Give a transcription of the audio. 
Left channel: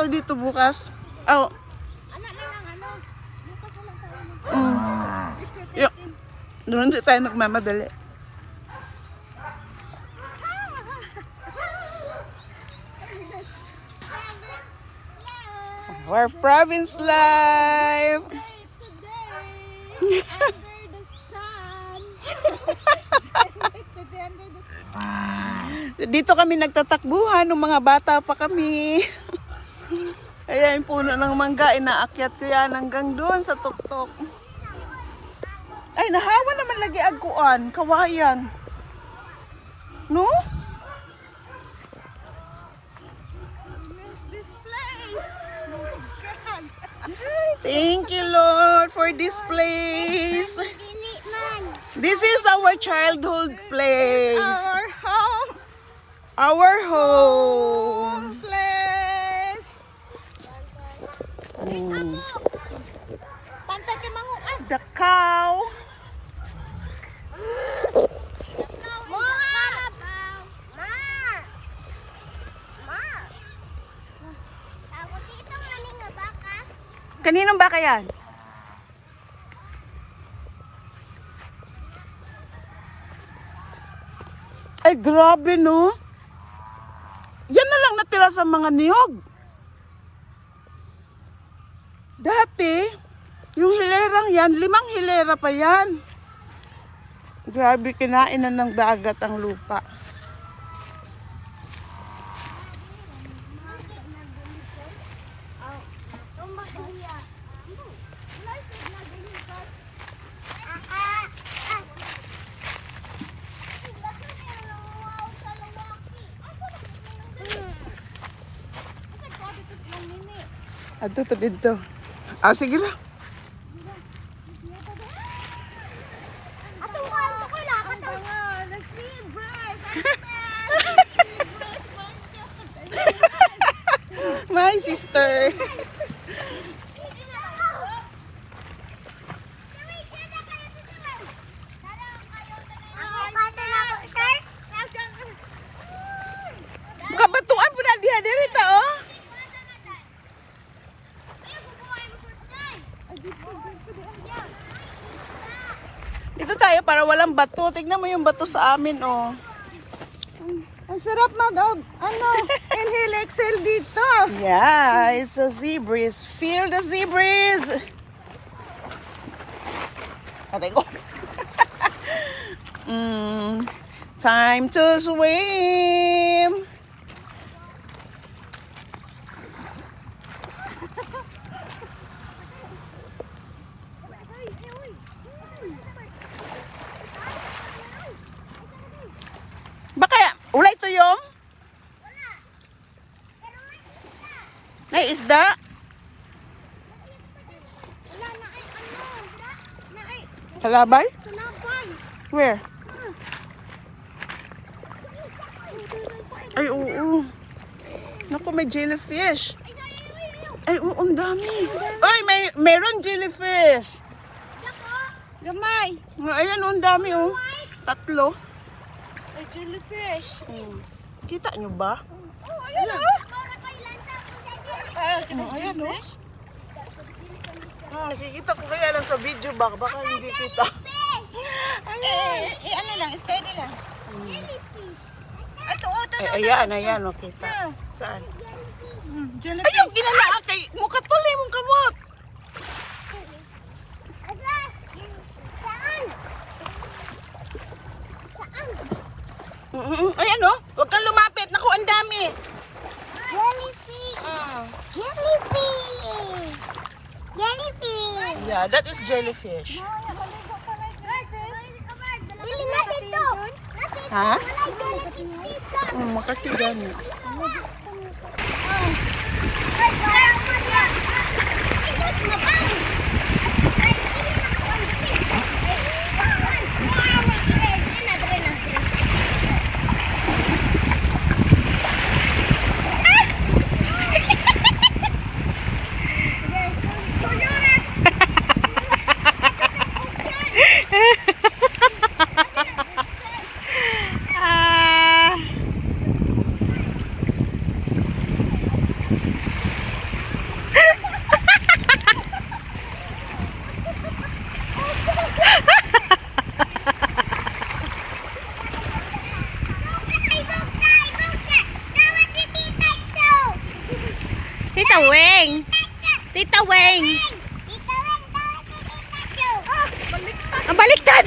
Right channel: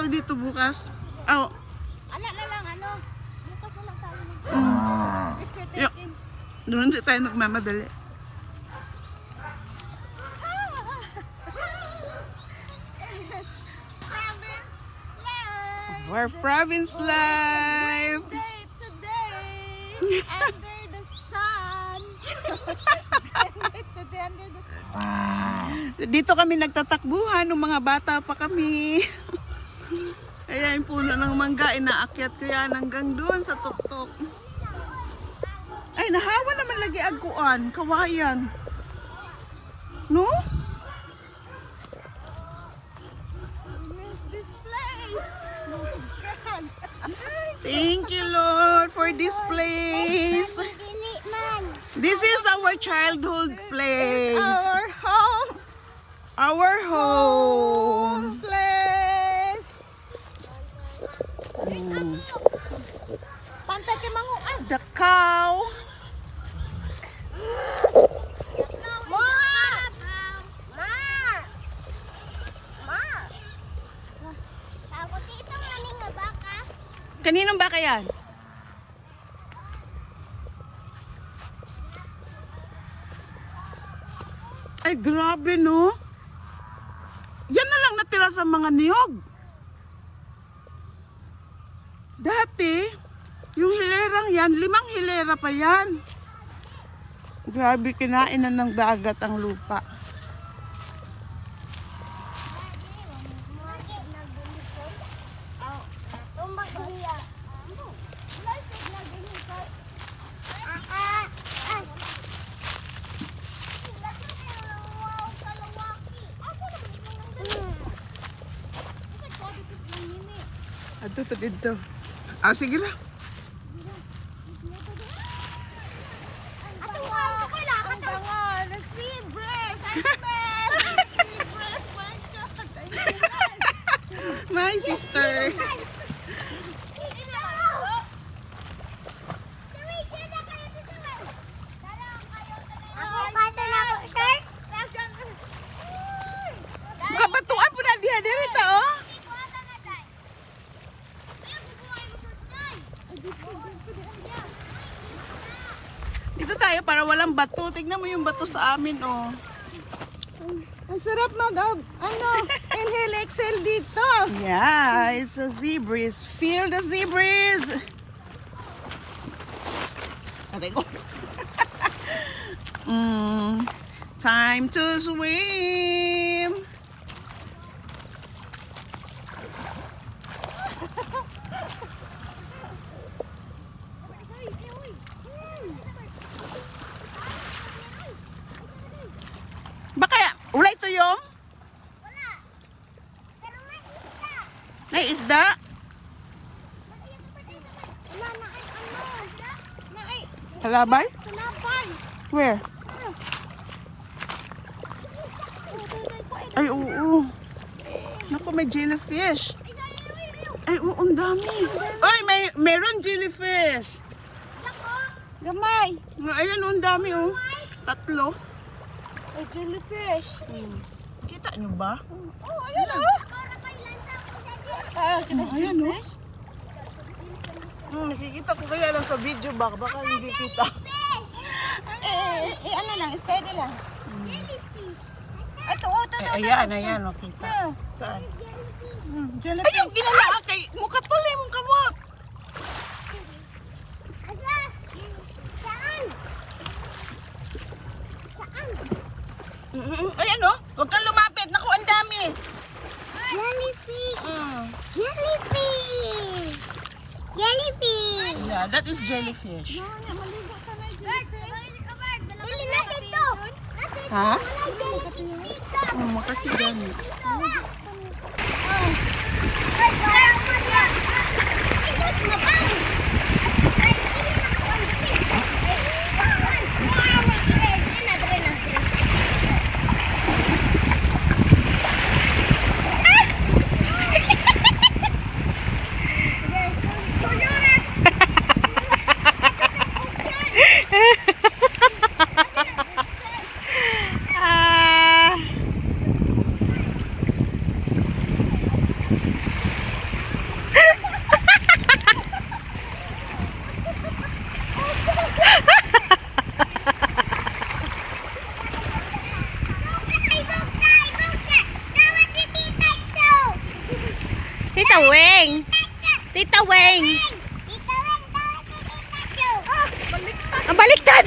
dinosaur dito bukas. Oh. Anak na lang, ano? Bukas na lang tayo. Picture Yo. taking. Doon di tayo nagmamadali. Our province life. Today, under the sun. Today, under the sun. Dito kami nagtatakbuhan nung mga bata pa kami. Ayan, yung puno ng mangga, inaakyat ko yan hanggang doon sa tuktok. Ay, nahawa naman lagi agkuan, kawayan. No? Miss this place. Oh my God. Ay, thank you, Lord, for this place. This is our childhood place. Our home Our home. place. Mm. Pantay kay manguan. The cow. Kaninong baka yan? Ay, grabe, no? Yan na lang natira sa mga niyog. Dati, yung hilerang yan, 5 hilera pa yan. Grabe, kinain na ng dagat ang lupa. Ato to dito. Ah, sige lang. My sister. Kabatuan po na diha dirita, oh. Dito tayo para walang bato. Tignan mo yung bato sa amin, oh. Ang sarap inhale, exhale dito. Yeah, it's a sea breeze. Feel the sea breeze. Aray ko. Time to swim. Baka ulay tuyong? May isda? Halabay? Where? Ay, oo. Naku, may jellyfish. Ay, oo, ang dami. Ay, meron jellyfish. Gamay. Ayan, ang dami, oh. 3. Ay, jellyfish. Kita nyo ba? Oh, ayan o. Ayan, oh. Nakikita ko kaya lang sa video ba? Baka hindi kita. Ano lang, steady lang. Ito, Ayan, oh, kita. Saan? Jellyfish. Ayaw, ginanaan kay mukat pala mong kamot. Ayan, oh. Huwag kang lumapit. Naku, ang dami. Jellyfish. Jellyfish. Jellyfish. Yeah, that is jellyfish. Ha? Makasigan. Tita Weng. Tita Weng, tawag si Tita Jo. Baliktad. Ang baliktad.